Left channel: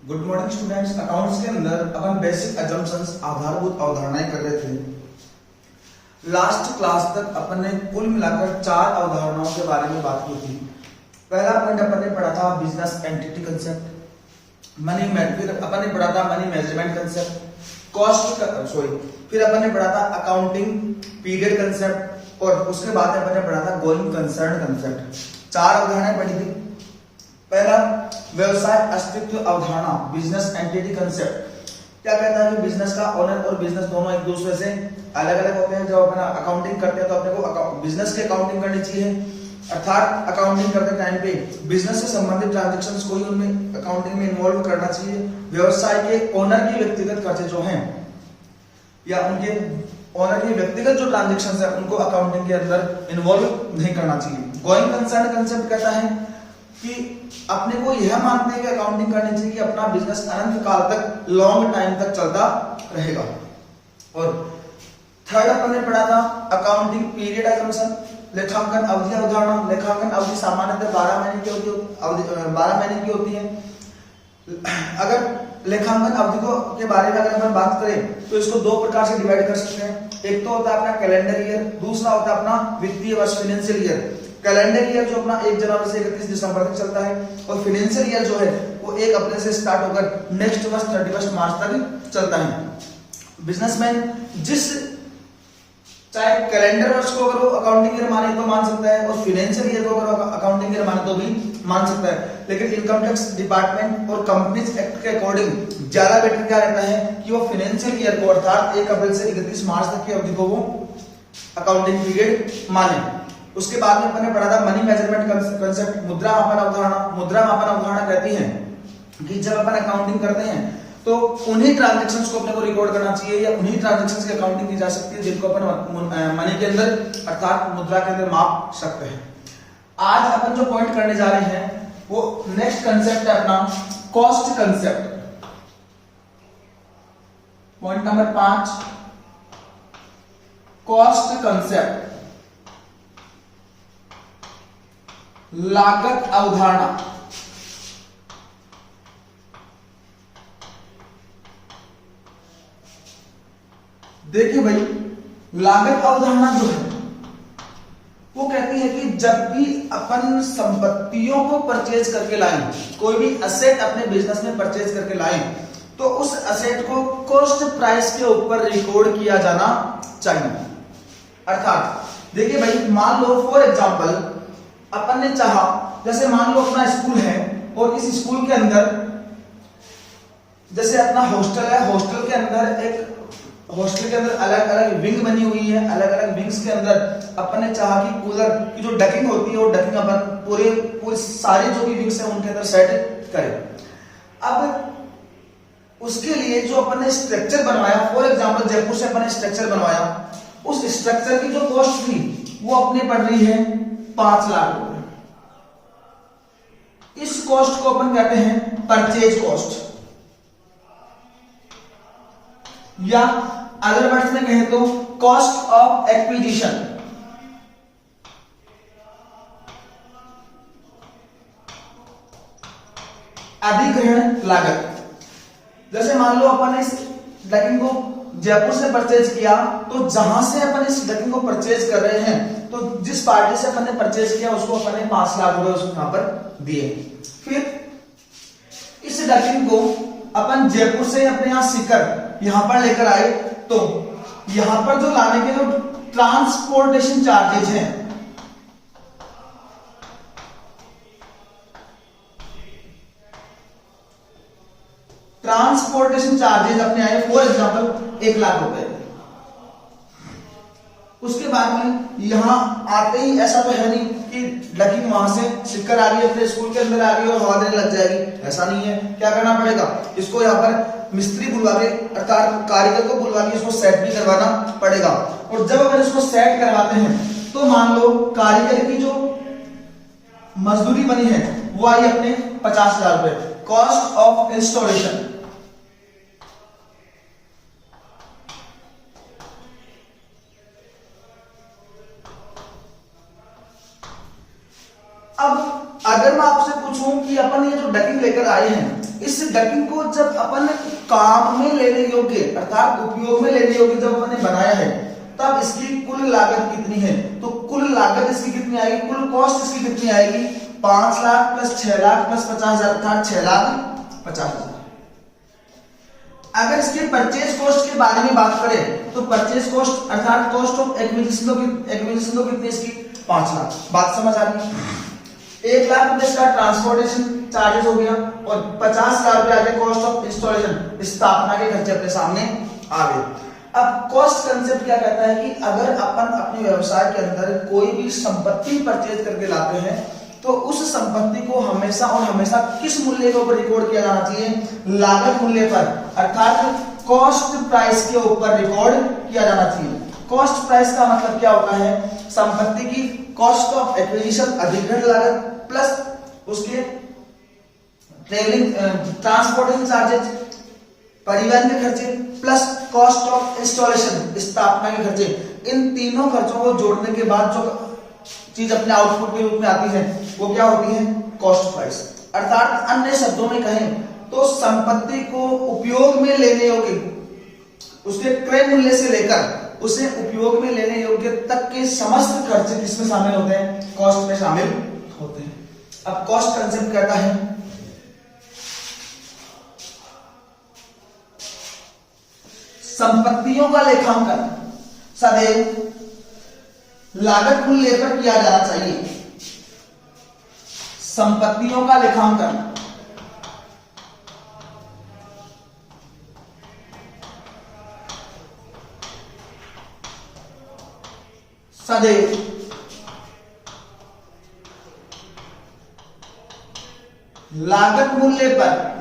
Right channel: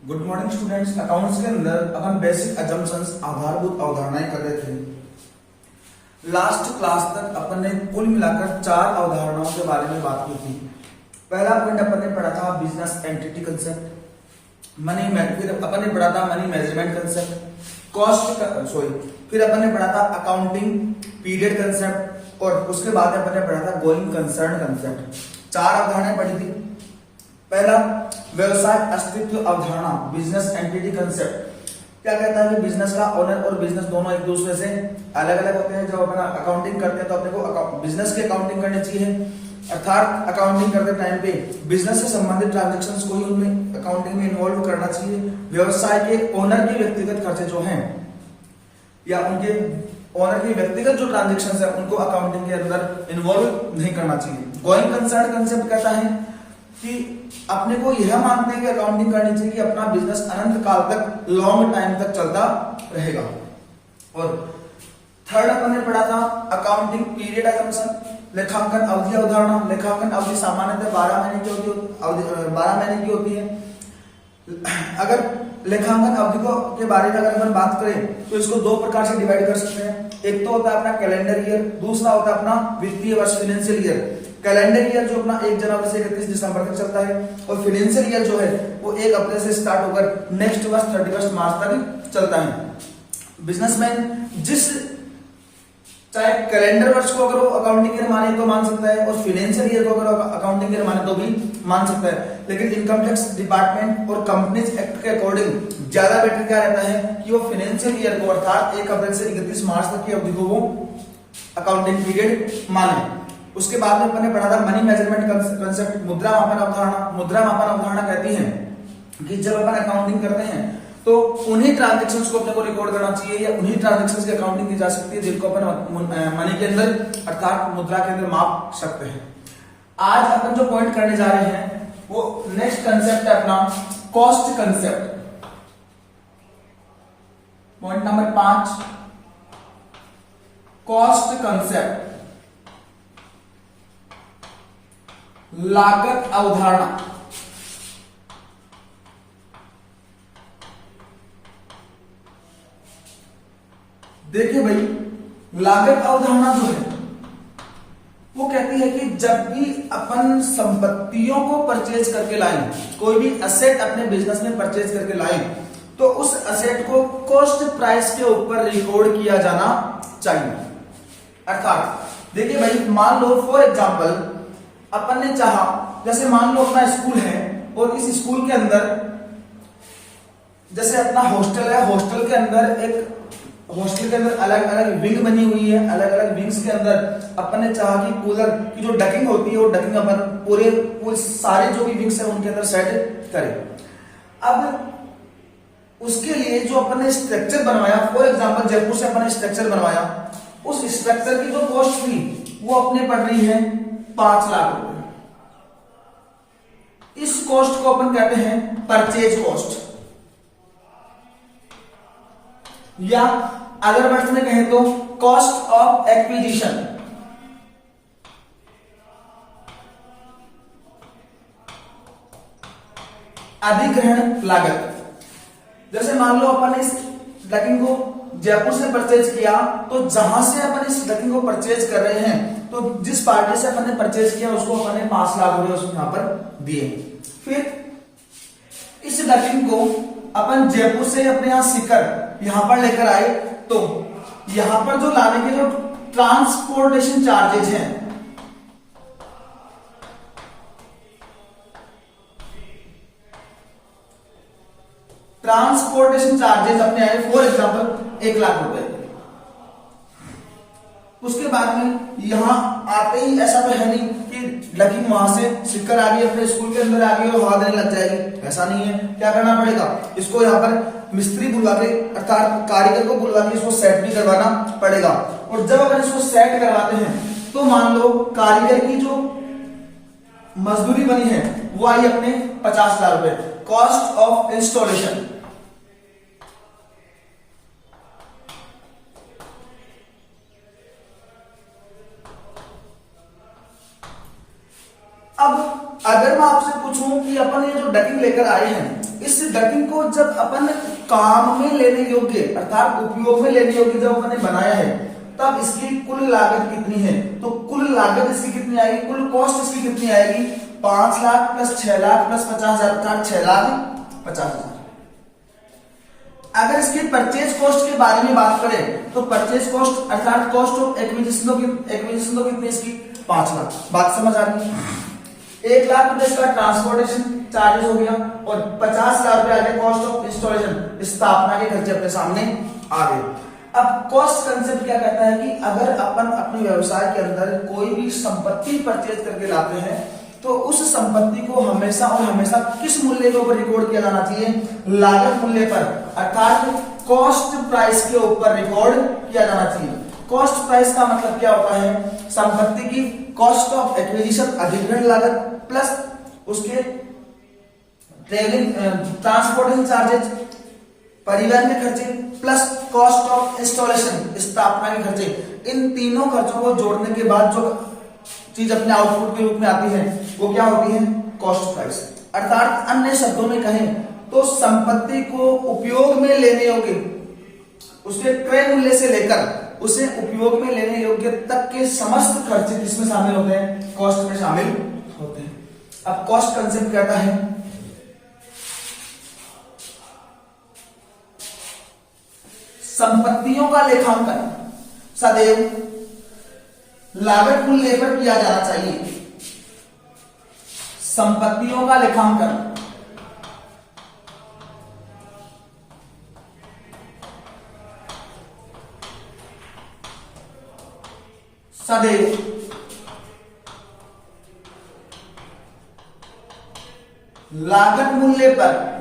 Good morning students. Accounts के अंदर अपन basic assumptions आधारभूत अवधारणाएं कर रहे थे। लास्ट क्लास तक अपन ने कुल मिलाकर 4 अवधारणाओं के बारे में बात की थी। पहला पॉइंट अपन ने पढ़ा था बिजनेस एंटिटी कंसेप्ट, फिर अपन ने पढ़ा था मनी मैनेजमेंट कंसेप्ट, फिर अपन ने पढ़ा था अकाउंटिंग पीरियड कंसेप्ट और उसके बाद अपन ने पढ़ा था गोइंग कंसर्न कंसेप्ट। 4 अवधारणाएं पढ़ी थी। पहला व्यवसाय अस्तित्व अवधारणा बिजनेस एंटिटी कंसेप्ट क्या कहता है कि बिजनेस का ओनर और बिजनेस दोनों एक दूसरे से अलग अलग होते हैं। जब अपना अकाउंटिंग करते हैं तो अपने को बिजनेस की अकाउंटिंग करनी चाहिए, अर्थात अकाउंटिंग करते टाइम पे बिजनेस से संबंधित ट्रांजैक्शंस को ही उनमें अकाउंटिंग में इन्वॉल्व करना चाहिए। व्यवसाय के ओनर के व्यक्तिगत खर्चे जो हैं या उनके ओनर के व्यक्तिगत जो ट्रांजैक्शंस है उनको अकाउंटिंग के अंदर इन्वॉल्व नहीं करना चाहिए। गोइंग कंसर्न कंसेप्ट कहता है कि अपने को यह मानते हैं कि अकाउंटिंग करनी चाहिए कि अपना बिजनेस अनंत काल तक लॉन्ग टाइम तक चलता रहेगा। और थर्ड अपन ने पढ़ा था अकाउंटिंग पीरियड अजम्पशन लेखांकन अवधि अवधारणा। लेखांकन अवधि सामान्यतः 12 महीने की होती है। अगर लेखांकन अवधि के बारे में अगर अपन बात करें तो इसको 2 प्रकार से डिवाइड कर सकते हैं। एक तो होता है अपना कैलेंडर ईयर, दूसरा होता है अपना वित्तीय वर्ष फाइनेंशियल ईयर। कैलेंडर ईयर जो अपना 1 जनवरी से 31 दिसंबर तक चलता है और फाइनेंशियल ईयर जो है वो 1 अप्रैल से स्टार्ट होकर नेक्स्ट वर्ष 31 मार्च तक चलता है। बिजनेसमैन जिस चाहे कैलेंडर वर्ष को अगर वो अकाउंटिंग ईयर माने तो मान सकता है और फाइनेंशियल ईयर को अगर अकाउंटिंग ईयर माने तो भी मान सकता है। लेकिन इनकम टैक्स डिपार्टमेंट और कंपनीज एक्ट के अकॉर्डिंग ज्यादा बेटर क्या रहता है कि वो फाइनेंशियल ईयर को अर्थात 1 अप्रैल से 31 मार्च तक की अवधि को वो अकाउंटिंग पीरियड माने। उसके बाद में अपन ने पढ़ा था मनी मेजरमेंट कंसेप्ट मुद्रा मापन अवधारणा। मुद्रा मापन अवधारणा कहती है कि जब अपन अकाउंटिंग करते हैं तो उन्हीं ट्रांजैक्शंस को अपने को रिकॉर्ड करना चाहिए या उन्हीं ट्रांजैक्शंस की अकाउंटिंग की जा सकती है जिनको अपन मनी के अंदर अर्थात मुद्रा के अंदर माप सकते हैं। आज अपन जो पॉइंट करने जा रहे हैं वो नेक्स्ट कंसेप्ट है अपना cost concept. Point number 5 cost concept लागत अवधारणा। देखिए भाई, लागत अवधारणा जो है वो कहती है कि जब भी अपन संपत्तियों को परचेज करके लाएं, कोई भी असेट अपने बिजनेस में परचेज करके लाएं, तो उस असेट को कॉस्ट प्राइस के ऊपर रिकॉर्ड किया जाना चाहिए। अर्थात देखिए भाई, मान लो फॉर एग्जांपल अपन ने चाहा, जैसे मान लो अपना स्कूल है और इस स्कूल के अंदर जैसे अपना हॉस्टल है, हॉस्टल के अंदर अलग अलग विंग बनी हुई है। अलग अलग विंग्स के अंदर अपन ने चाहा कि कूलर की जो डकिंग होती है वो डकिंग अपन पूरे सारे जो भी विंग्स है उनके अंदर सेट करें। अब उसके लिए जो अपन ने स्ट्रक्चर बनवाया, फॉर एग्जांपल जयपुर से अपन ने स्ट्रक्चर बनवाया, उस स्ट्रक्चर की जो कॉस्ट थी वो अपने पड़ रही है 5 लाख रुपए। इस कॉस्ट को अपन कहते हैं परचेज कॉस्ट, या अदर वर्ड्स में कहें तो कॉस्ट ऑफ एक्विजिशन। अधिग्रहण लागत। जैसे मान लो अपन इस डकिंग को जयपुर से परचेज किया, तो जहां से अपन इस डकिंग को परचेज कर रहे हैं तो जिस पार्टी से अपन ने परचेज किया उसको अपन ने 5 लाख रुपए यहां पर दिए। फिर इस डकिंग को अपन जयपुर से अपने यहां सीकर यहां पर लेकर आए, तो यहां पर जो लाने के जो ट्रांसपोर्टेशन चार्जेज हैं, ट्रांसपोर्टेशन चार्जेस अपने आए फॉर एग्जांपल 1 लाख रुपए। उसके बाद में यहां आते ही ऐसा तो है नहीं कि डकिंग वहां से सीकर आ गई अपने स्कूल के अंदर आ गई और हवा देने लग जाएगी, ऐसा नहीं है। क्या करना पड़ेगा, इसको यहां पर मिस्त्री बुलवा के अर्थात कारीगर को बुलवा के इसको सेट भी करवाना पड़ेगा। और जब अगर इसको सेट करवाते हैं तो मान लो कारीगर की जो मजदूरी बनी है वो आई अपने 50,000 रुपए, कॉस्ट ऑफ इंस्टॉलेशन। अब अगर मैं आपसे पूछूं कि अपन ये जो डकिंग लेकर आए हैं इस डकिंग को जब अपन काम में लेने योग्य अर्थात उपयोग में लेने योग्य जब अपन ने बनाया है, तब इसकी कुल लागत कितनी है? तो कुल लागत इसकी कितनी आएगी, कुल कॉस्ट इसकी कितनी आएगी? 5 लाख प्लस 6 लाख प्लस 50,000 अर्थात 6,50,000। अगर इसके परचेज कॉस्ट के बारे में बात करें तो परचेज कॉस्ट अर्थात कॉस्ट ऑफ एक्विजिशन तो कितनी इसकी? 5 लाख। बात समझ आ गई? 1 लाख रुपए इसका ट्रांसपोर्टेशन चार्जेस हो गया और 50,000 रुपए आ गया कॉस्ट ऑफ इंस्टॉलेशन, स्थापना के खर्चे अपने सामने आ गए। अब कॉस्ट कंसेप्ट क्या कहता है कि अगर अपन अपने व्यवसाय के अंदर कोई भी संपत्ति परचेज करके लाते हैं तो उस संपत्ति को हमेशा और हमेशा किस मूल्य के ऊपर रिकॉर्ड किया जाना चाहिए? लागत मूल्य पर अर्थात कॉस्ट प्राइस के ऊपर रिकॉर्ड किया जाना चाहिए। कॉस्ट प्राइस का मतलब क्या होता है? संपत्ति की कॉस्ट ऑफ एक्विजिशन अधिग्रहण लागत प्लस उसके ट्रेवलिंग ट्रांसपोर्टेशन चार्जेस परिवहन के खर्चे प्लस कॉस्ट ऑफ इंस्टॉलेशन स्थापना के खर्चे, इन तीनों खर्चों को जोड़ने के बाद जो चीज अपने आउटपुट के रूप में आती है वो क्या होती है? Cost price. अर्थात अन्य शब्दों में कहें तो संपत्ति को उपयोग में लेने योग्य उसके क्रय मूल्य से लेकर उसे उपयोग में लेने योग्य तक के समस्त खर्चे किसमें शामिल होते हैं? कॉस्ट में शामिल होते हैं। अब कॉस्ट कंसेप्ट कहता है संपत्तियों का लेखांकन सदैव लागत मूल्य पर किया जाना चाहिए। संपत्तियों का लेखांकन सदैव लागत मूल्य पर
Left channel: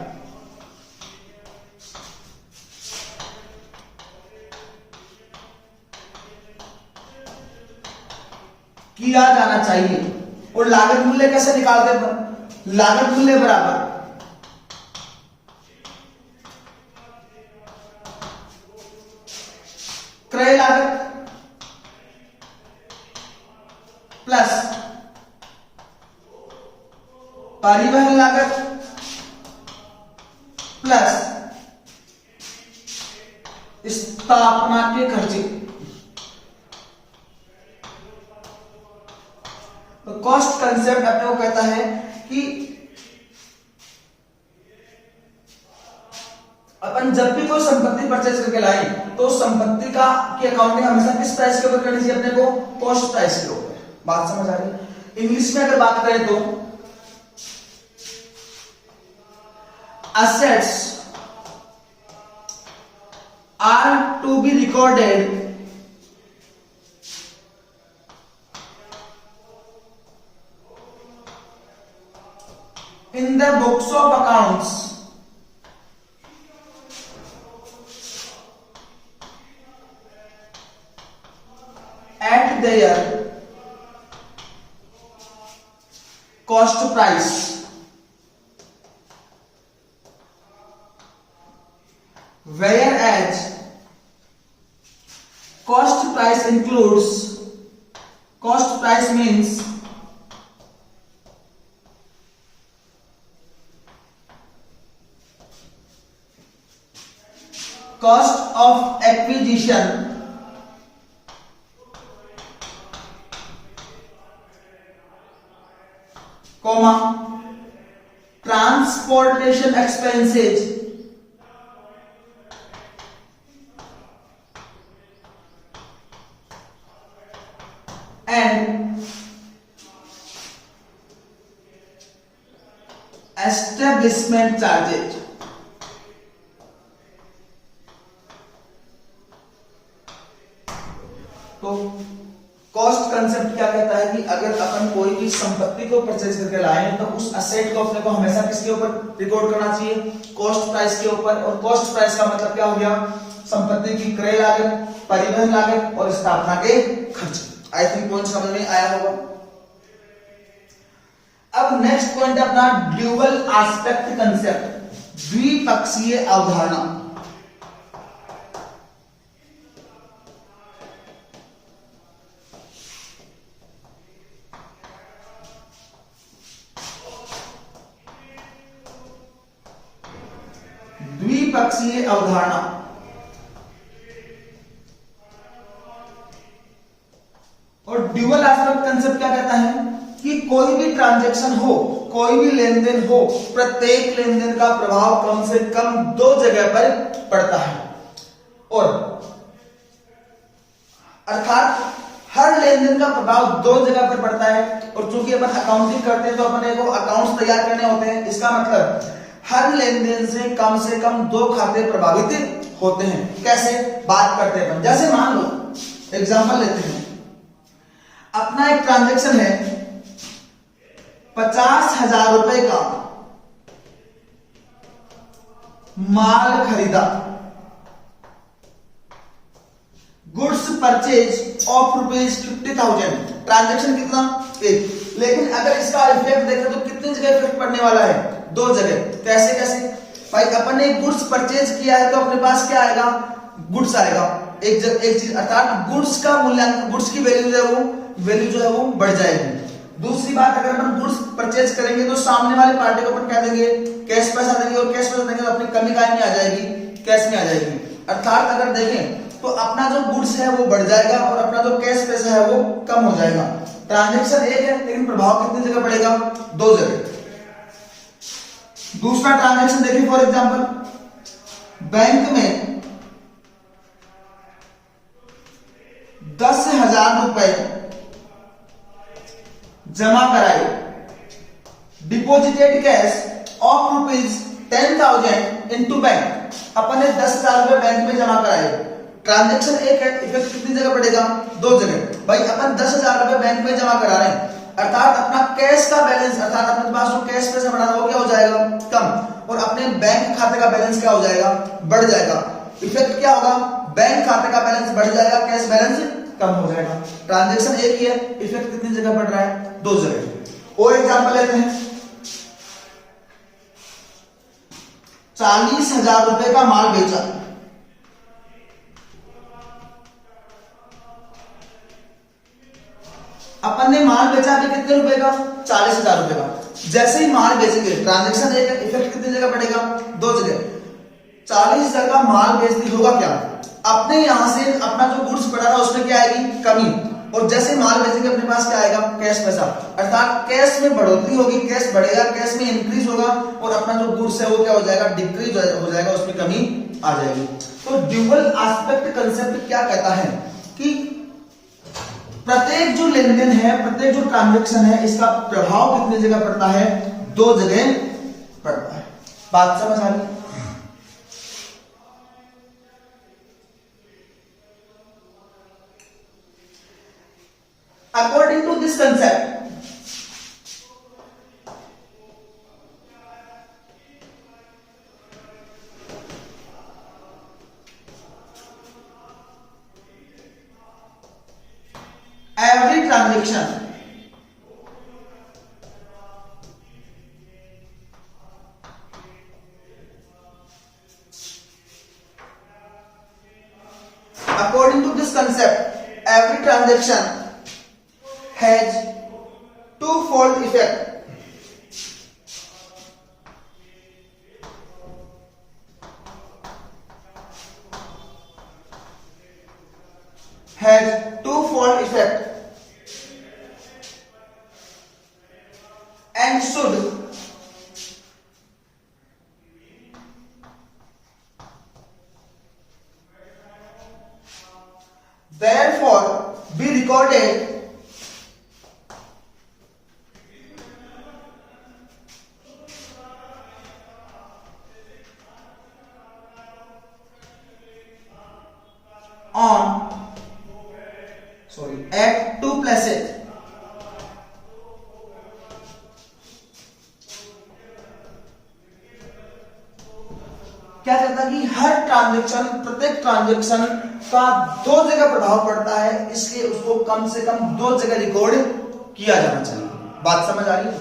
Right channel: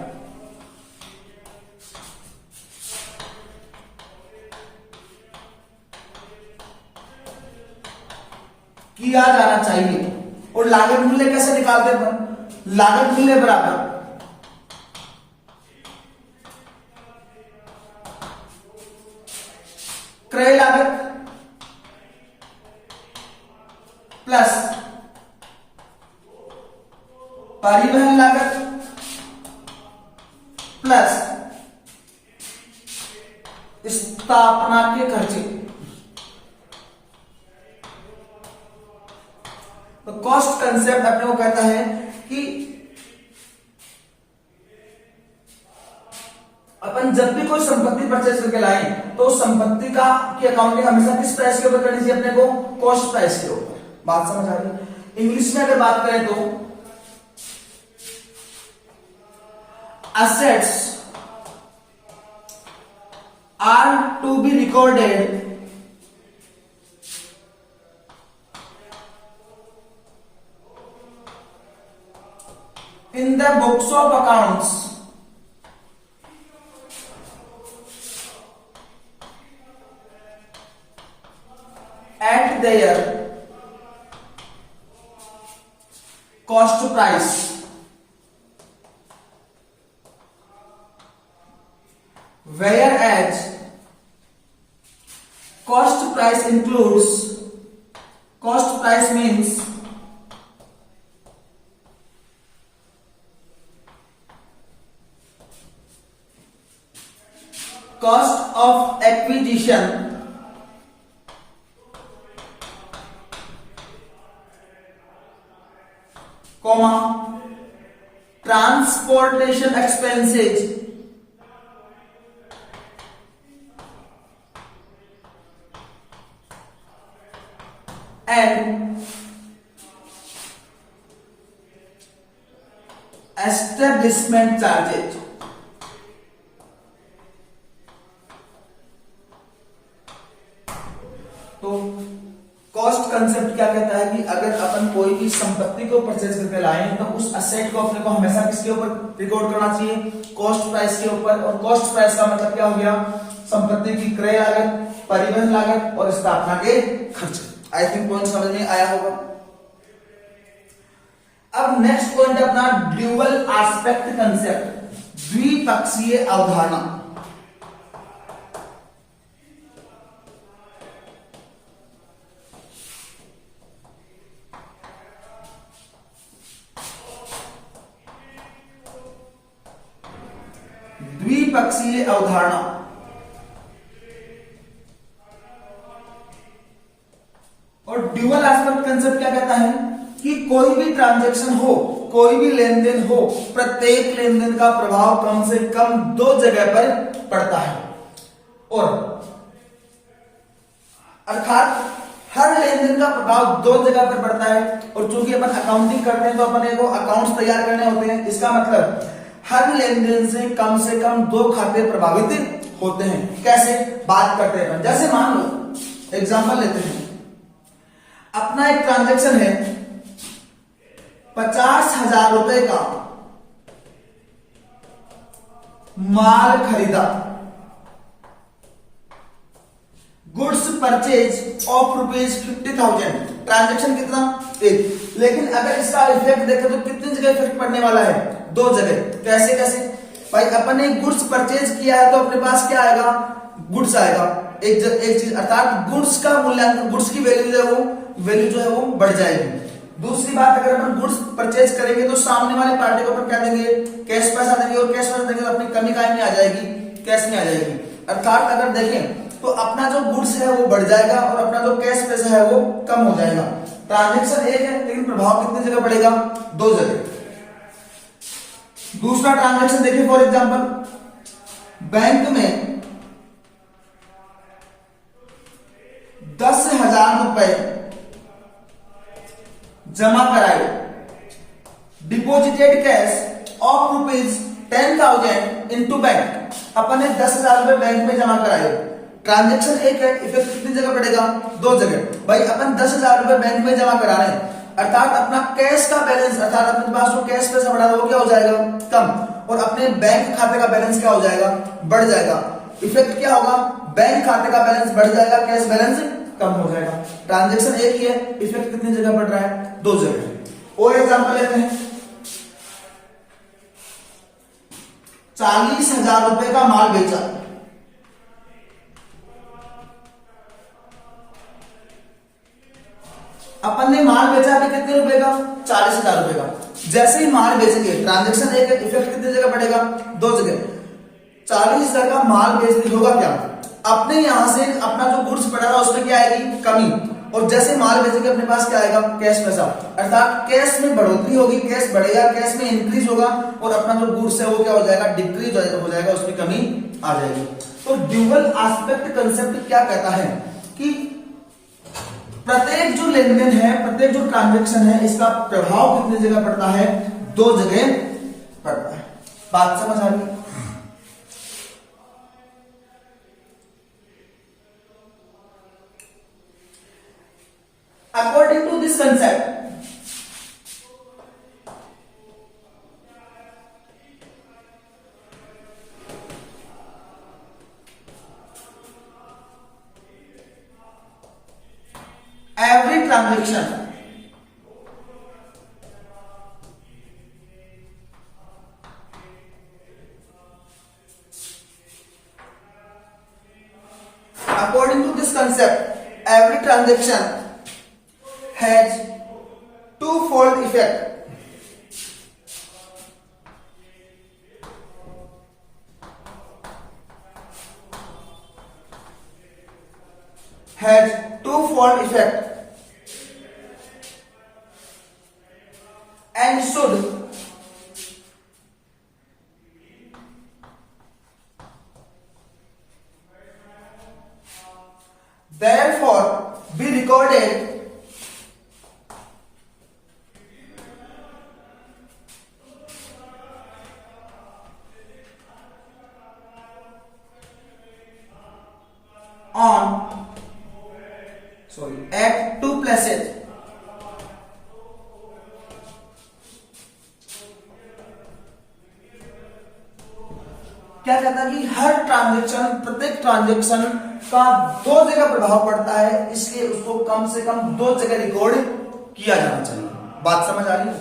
किया जाना चाहिए। और लागत मूल्य कैसे निकालते हैं? लागत मूल्य बराबर क्रय लागत प्लस परिवहन लागत प्लस स्थापना के खर्चे। तो कॉस्ट कंसेप्ट अपने को कहता है कि अपन जब भी कोई संपत्ति परचेज करके लाए तो संपत्ति का की अकाउंटिंग हमेशा किस प्राइस के ऊपर करनी चाहिए? अपने को कॉस्ट प्राइस के ऊपर। बात समझ आ रही? इंग्लिश में अगर बात करें तो assets are to be recorded in the books of accounts at their cost price, whereas cost price includes, cost price means cost of acquisition comma transportation expenses and establishment charges। तो cost concept क्या कहता है कि अगर अपन कोई भी संपत्ति को परचेज करके लाए तो उस असेट को अपने को हमेशा किसके ऊपर रिकॉर्ड करना चाहिए? कॉस्ट प्राइस के ऊपर। और कॉस्ट प्राइस का मतलब क्या हो गया? संपत्ति की क्रय लागत, परिवहन लागत और स्थापना के खर्च। आई थिंक पॉइंट समझ में आया होगा। अब नेक्स्ट पॉइंट अपना ड्यूअल एस्पेक्ट कंसेप्ट, द्विपक्षीय अवधारणा। द्विपक्षीय अवधारणा। और ड्यूअल एस्पेक्ट कंसेप्ट क्या कहता है कि कोई भी ट्रांजैक्शन हो, कोई भी लेन देन हो, प्रत्येक लेन देन का प्रभाव कम से कम दो जगह पर पड़ता है। और अर्थात हर लेन देन का प्रभाव दो जगह पर पड़ता है। और चूंकि अपन अकाउंटिंग करते हैं तो अपने को अकाउंट्स तैयार करने होते हैं। इसका मतलब हर लेन देन से कम दो खाते प्रभावित होते हैं। कैसे बात करते हैं अपन, जैसे मान लो एग्जांपल लेते हैं, अपना एक ट्रांजैक्शन है 50,000 रुपए का माल खरीदा, गुड्स परचेज ऑफ ₹50,000, ट्रांजैक्शन कितना एक। लेकिन अगर इसका इफेक्ट देखें तो कितनी जगह इफेक्ट पड़ने वाला है, दो जगह। कैसे कैसे भाई, अपन ने गुड्स परचेज किया है तो अपने पास क्या आएगा, गुड्स आएगा, एक चीज, अर्थात गुड्स का मूल्यांकन, गुड्स की वैल्यू जो है वो बढ़ जाएगी। दूसरी बात, अगर अपन गुड्स परचेज करेंगे तो सामने वाले पार्टी को अपन क्या देंगे, कैश पैसा देंगे, और कैश पैसा देंगे तो अपनी कमी काय में आ जाएगी, कैश में आ जाएगी। अर्थात अगर देखें तो अपना जो गुड्स है वो बढ़ जाएगा और अपना जो कैश पैसा है वो कम हो जाएगा। ट्रांजैक्शन एक है लेकिन प्रभाव कितनी जगह पड़ेगा, दो जगह। दूसरा ट्रांजैक्शन देखिए, फॉर एग्जांपल बैंक में 10,000 रुपए जमा कराए, deposited cash of ₹10,000 into bank. अपन ने 10,000 रुपए बैंक में जमा कराए, ट्रांजैक्शन एक है, इफेक्ट कितनी जगह पड़ेगा, दो जगह। भाई अपन 10,000 रुपए बैंक में जमा करा रहे हैं, अर्थात अपना कैश का बैलेंस, अर्थात अपने पास जो कैश पैसा बढ़ा था वो क्या हो जाएगा, कम, और अपने बैंक खाते का बैलेंस क्या हो जाएगा, बढ़ जाएगा। इफेक्ट क्या होगा, बैंक खाते का बैलेंस बढ़ जाएगा, कैश बैलेंस कम हो जाएगा। ट्रांजैक्शन एक ही है, इफेक्ट कितनी जगह पड़ रहा है, दो जगह। और एग्जांपल लेते हैं, 40,000 रुपए का माल बेचा, अपन ने माल बेचा भी कितने रुपए का, 40,000 रुपए का। जैसे ही माल बेचेंगे, ट्रांजैक्शन एक है, इफेक्ट कितनी जगह पड़ेगा, दो जगह। 40,000 का माल बेचते होगा क्या, अपने यहां से अपना जो गुड्स पड़ा था उसमें क्या आएगी, कमी, और जैसे माल बेचेंगे अपने पास क्या आएगा, कैश पैसा, अर्थात कैश में बढ़ोतरी होगी, कैश बढ़ेगा, कैश में इंक्रीज होगा, और अपना जो गुड्स है वो क्या हो जाएगा, डिक्रीज हो जाएगा, उसमें कमी आ जाएगी। तो ड्यूअल एस्पेक्ट कंसेप्ट क्या कहता है कि प्रत्येक जो लेन देन है, प्रत्येक जो ट्रांजैक्शन है, इसका प्रभाव कितनी जगह पड़ता है, दो जगह पड़ता है। बात समझ आ रही? According to this concept, every transaction according to this concept, every transaction has twofold effect. Has twofold effect and should therefore be recorded at two places. क्या कहता है कि हर ट्रांजैक्शन, प्रत्येक ट्रांजैक्शन का दो जगह प्रभाव पड़ता है, इसलिए उसको कम से कम दो जगह रिकॉर्ड किया जाना चाहिए। बात समझ आ रही है?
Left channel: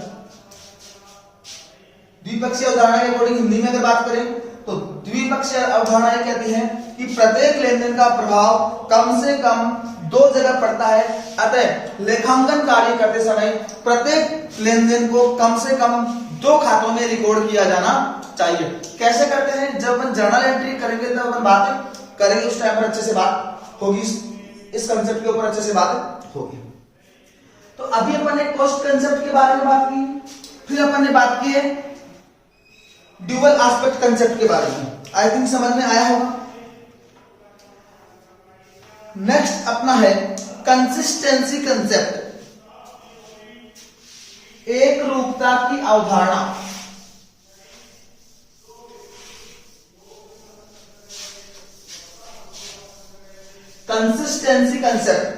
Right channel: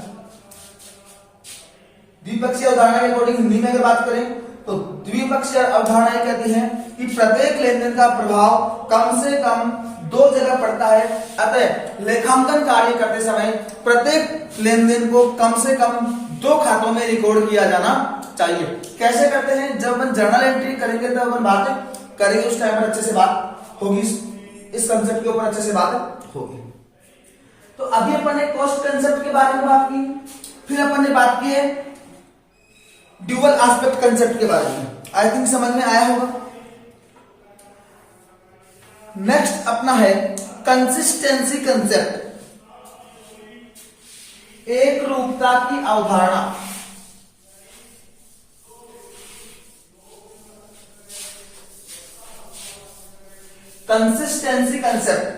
द्विपक्षीय अवधारणा के अकॉर्डिंग हिंदी में अगर बात करें तो द्विपक्षीय अवधारणा ये कहती है कि प्रत्येक लेन देन का प्रभाव कम से कम दो जगह पड़ता है। अतः लेखांकन कार्य करते समय प्रत्येक लेन देन को कम से कम दो खातों में रिकॉर्ड किया जाना चाहिए। कैसे करते हैं, जब अपन जर्नल एंट्री करेंगे तब अपन बातें करेंगे, उस टाइम पर अच्छे से बात होगी, इस कंसेप्ट के ऊपर अच्छे से बात होगी। तो अभी अपन ने कॉस्ट कंसेप्ट के बारे में बात की, फिर अपन ने बात की है ड्यूअल एस्पेक्ट कंसेप्ट के बारे में। आई थिंक समझ में आया होगा। नेक्स्ट अपना है कंसिस्टेंसी कंसेप्ट, एक रूपता की अवधारणा। कंसिस्टेंसी कंसेप्ट,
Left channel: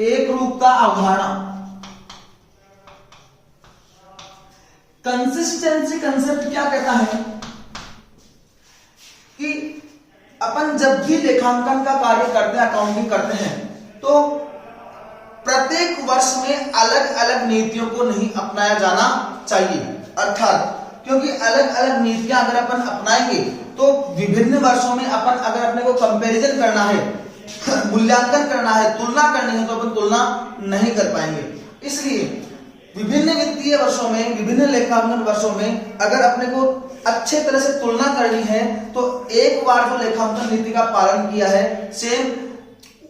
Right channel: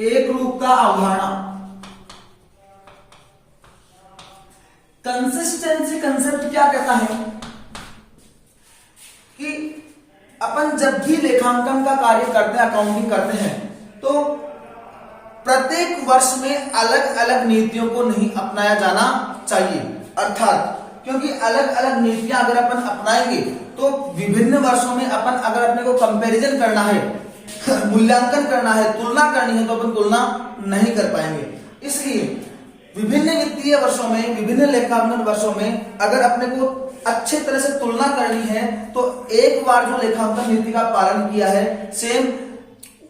एक रूपता अवधारणा। कंसिस्टेंसी कंसेप्ट क्या कहता है कि अपन जब भी लेखांकन का कार्य करते हैं, अकाउंटिंग करते हैं, तो प्रत्येक वर्ष में अलग अलग नीतियों को नहीं अपनाया जाना चाहिए। अर्थात क्योंकि अलग अलग नीतियां अगर अपन अपनाएंगे तो विभिन्न वर्षों में अपन अगर अपने को कंपैरिजन करना है, मूल्यांकन करना है, तुलना करनी है, तो अपन तुलना नहीं कर पाएंगे। इसलिए विभिन्न वित्तीय वर्षों में, विभिन्न लेखांकन वर्षों में अगर अपने को अच्छे तरह से तुलना करनी है तो एक बार जो लेखांकन नीति का पालन किया है, सेम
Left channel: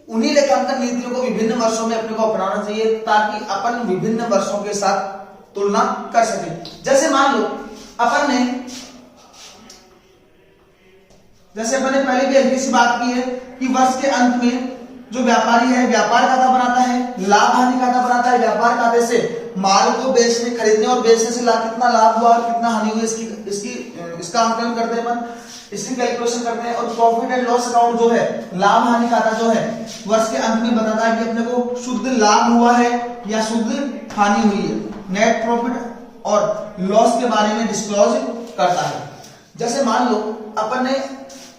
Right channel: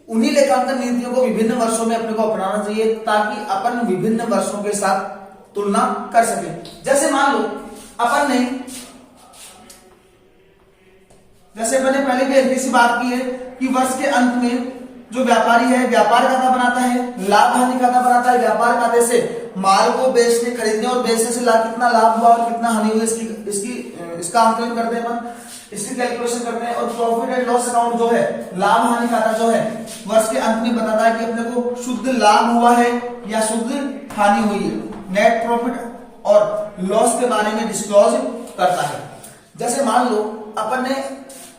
उन्हीं लेखांकन नीतियों को विभिन्न वर्षों में अपने को अपनाना चाहिए, ताकि अपन विभिन्न वर्षों के साथ तुलना कर सके। जैसे मान लो अपन ने, जैसे मैंने पहले भी हल्की सी बात की है कि वर्ष के अंत में जो व्यापारी है व्यापार खाता बनाता है, लाभ हानि खाता बनाता है। व्यापार खाते से माल को बेचने, खरीदने और बेचने से कितना लाभ हुआ और कितना हानि हुई, इसका आंकलन करते हैं अपन, इसकी कैलकुलेशन करते हैं। और प्रॉफिट एंड लॉस अकाउंट जो है, लाभ हानि खाता जो है, वर्ष के अंत में बताता है कि अपने को शुद्ध लाभ हुआ है या शुद्ध हानि हुई है। नेट प्रॉफिट और लॉस के बारे में डिस्क्लोज करता है। जैसे मान लो अपन ने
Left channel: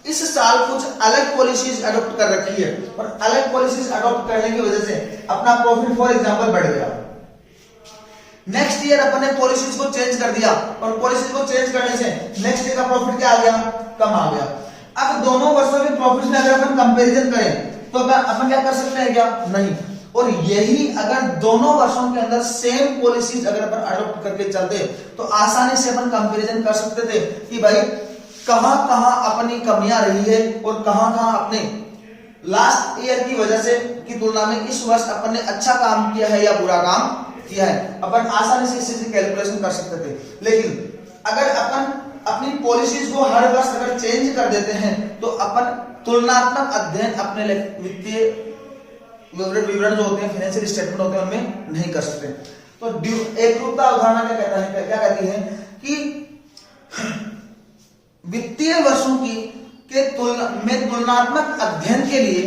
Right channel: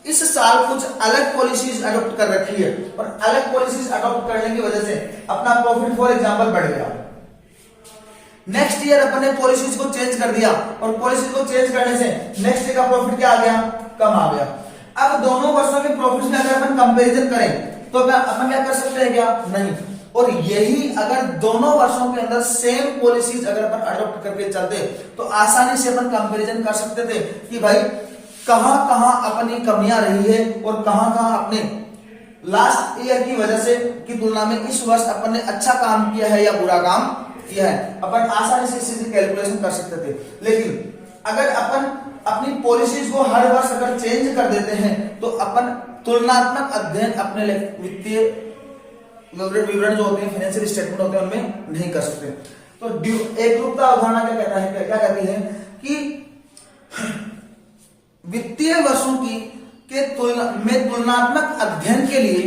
इस साल कुछ अलग पॉलिसीज अडॉप्ट कर रखी है और अलग पॉलिसीज अडॉप्ट करने की वजह से अपना प्रॉफिट फॉर एग्जांपल बढ़ गया। नेक्स्ट ईयर अपन ने पॉलिसीज को चेंज कर दिया और पॉलिसीज को चेंज करने से नेक्स्ट ईयर का प्रॉफिट क्या आ गया, कम आ गया। अब दोनों वर्षों के प्रॉफिट में अगर अपन कंपैरिजन करें तो अपन क्या कर सकते हैं क्या, नहीं। और यही अगर दोनों वर्षों के अंदर सेम पॉलिसीज अगर अपन अडॉप्ट करके चलते तो आसानी से अपन कंपैरिजन कर सकते थे कि भाई कहां कहां अपनी कमियां रही है और कहां कहां अपने लास्ट ईयर की वजह से की तुलना में इस वर्ष अपन ने अच्छा काम किया है या बुरा काम किया है। अपन आसानी से इस चीज की कैलकुलेशन कर सकते थे। लेकिन अगर अपन अपनी पॉलिसीज को हर वर्ष अगर चेंज कर देते हैं तो अपन तुलनात्मक अध्ययन अपने वित्तीय विवरण जो होते हैं, फाइनेंशियल स्टेटमेंट होते हैं, उनमें नहीं कर सकते। तो एक रूपता अवधारणा क्या कहता है, क्या कहती है कि वित्तीय वर्षों की तुलनात्मक अध्ययन के लिए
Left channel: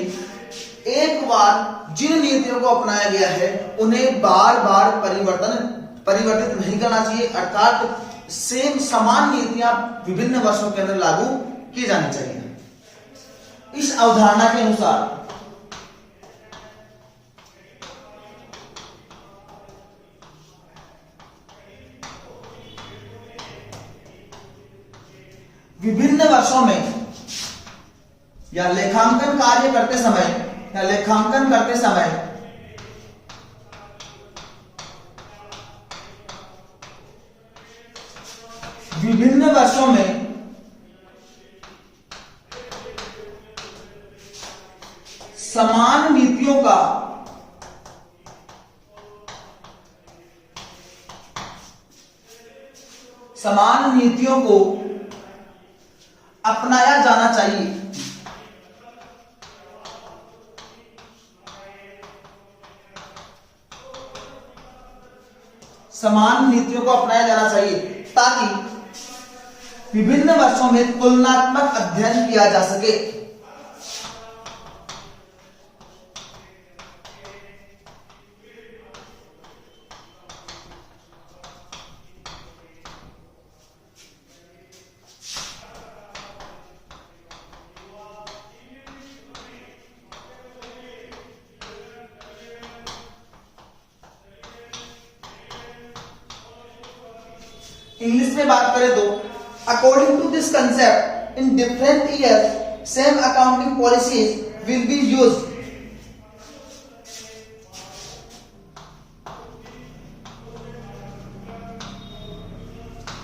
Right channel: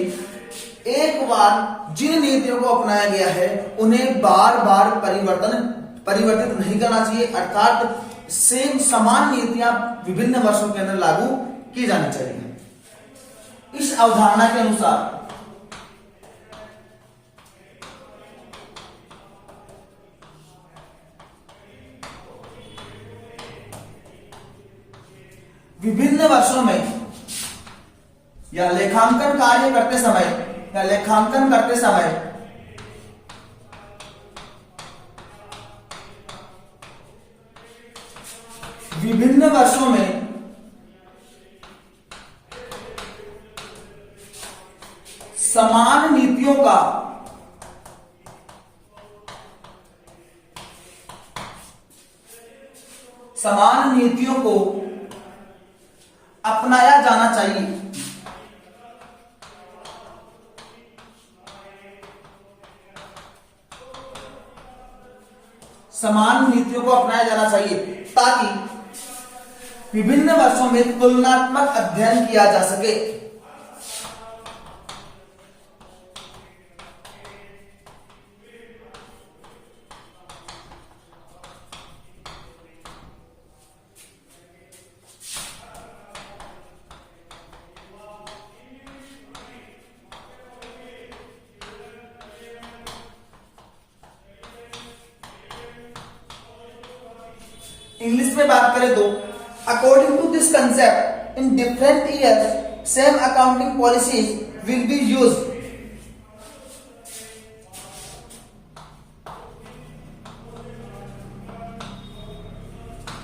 एक बार जिन नीतियों को अपनाया गया है उन्हें बार बार परिवर्तित नहीं करना चाहिए। अर्थात सेम समान नीतियां विभिन्न वर्षों के अंदर लागू की जानी चाहिए। इस अवधारणा के अनुसार विभिन्न वर्षों में या लेखांकन कार्य करते समय या लेखांकन करते समय विभिन्न वर्षों में समान नीतियों का को अपनाया जाना चाहिए। समान नीतियों को अपनाया जाना चाहिए ताकि विभिन्न वर्षों में तुलनात्मक अध्ययन किया जा सके। इंग्लिश में बात करें तो according to this concept in different years same accounting policies will be used.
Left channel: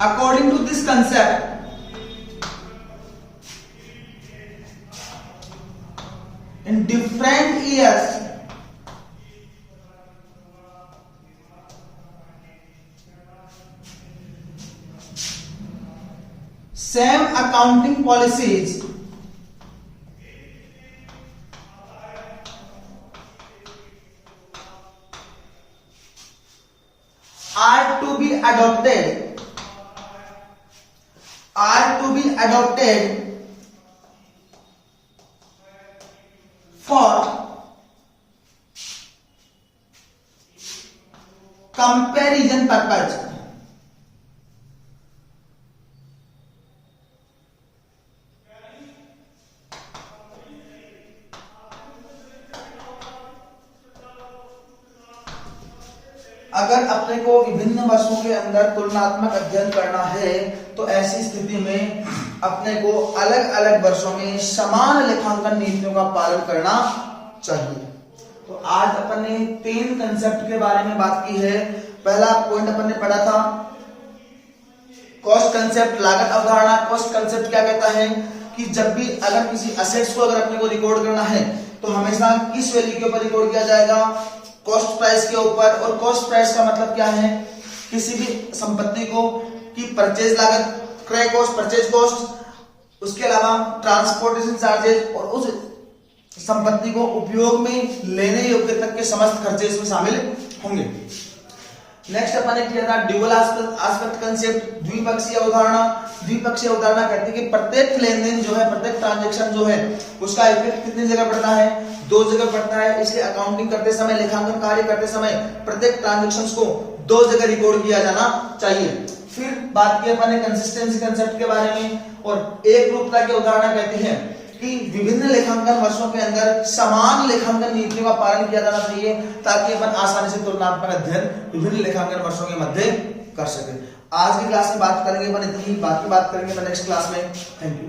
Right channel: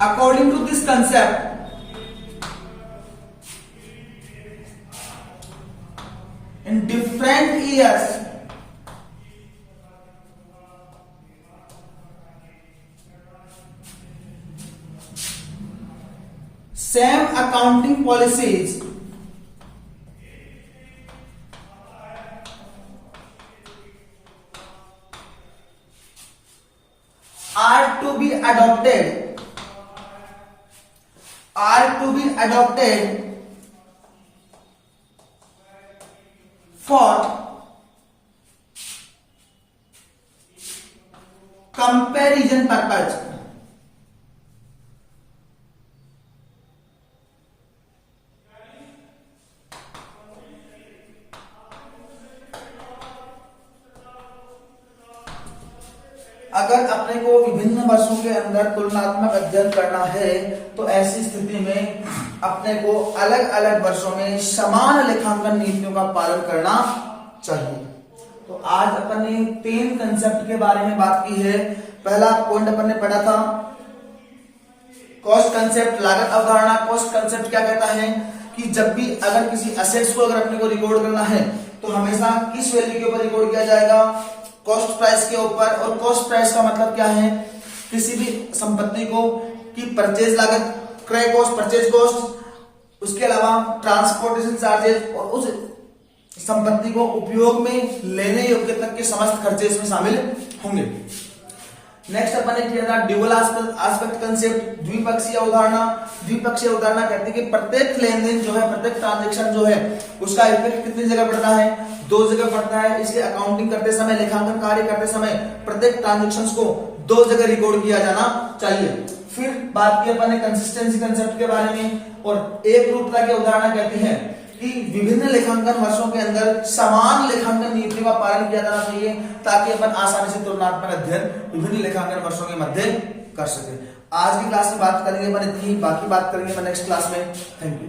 According to this concept, in different years, same accounting policies are to be adopted for comparison purpose। अगर अपने को विभिन्न वर्षों के अंदर तुलनात्मक अध्ययन करना है तो ऐसी स्थिति में अपने को अलग अलग वर्षों में समान लेखांकन नीतियों का पालन करना चाहिए। तो आज अपन ने 3 कंसेप्ट के बारे में बात की है। पहला पॉइंट अपन ने पढ़ा था कॉस्ट कंसेप्ट, लागत अवधारणा। कॉस्ट कंसेप्ट क्या कहता है कि जब भी अगर किसी असेट्स को अगर अपने को रिकॉर्ड करना है तो हमेशा किस वैल्यू के ऊपर रिकॉर्ड किया जाएगा, कॉस्ट प्राइस के ऊपर। और कॉस्ट प्राइस का मतलब क्या है, किसी भी संपत्ति को की परचेज लागत, क्रय कॉस्ट, परचेज कॉस्ट, उसके अलावा ट्रांसपोर्टेशन चार्जेस और उस संपत्ति को उपयोग में लेने योग्य तक के समस्त खर्चे इसमें शामिल होंगे। नेक्स्ट अपन ने किया था ड्यूअल एस्पेक्ट कंसेप्ट, द्विपक्षीय अवधारणा। द्विपक्षीय अवधारणा कहते हैं कि प्रत्येक लेनदेन जो है, प्रत्येक ट्रांजैक्शन जो है, उसका इफेक्ट कितनी जगह पड़ता है, 2 जगह पड़ता है। इसलिए अकाउंटिंग करते समय, लेखांकन कार्य करते समय प्रत्येक ट्रांजैक्शन को 2 जगह रिकॉर्ड किया जाना चाहिए। फिर बात की अपन ने कंसिस्टेंसी कंसेप्ट के बारे में, और एक रूपता की अवधारणा कहते हैं कि विभिन्न लेखांकन वर्षों के अंदर समान लेखांकन नीतियों का पालन किया जाना चाहिए ताकि अपन आसानी से तुलनात्मक अध्ययन विभिन्न लेखांकन वर्षों के मध्य कर सके। आज की क्लास में बात करेंगे अपन इतनी ही, बाकी बात करेंगे अपन नेक्स्ट क्लास में। Thank you.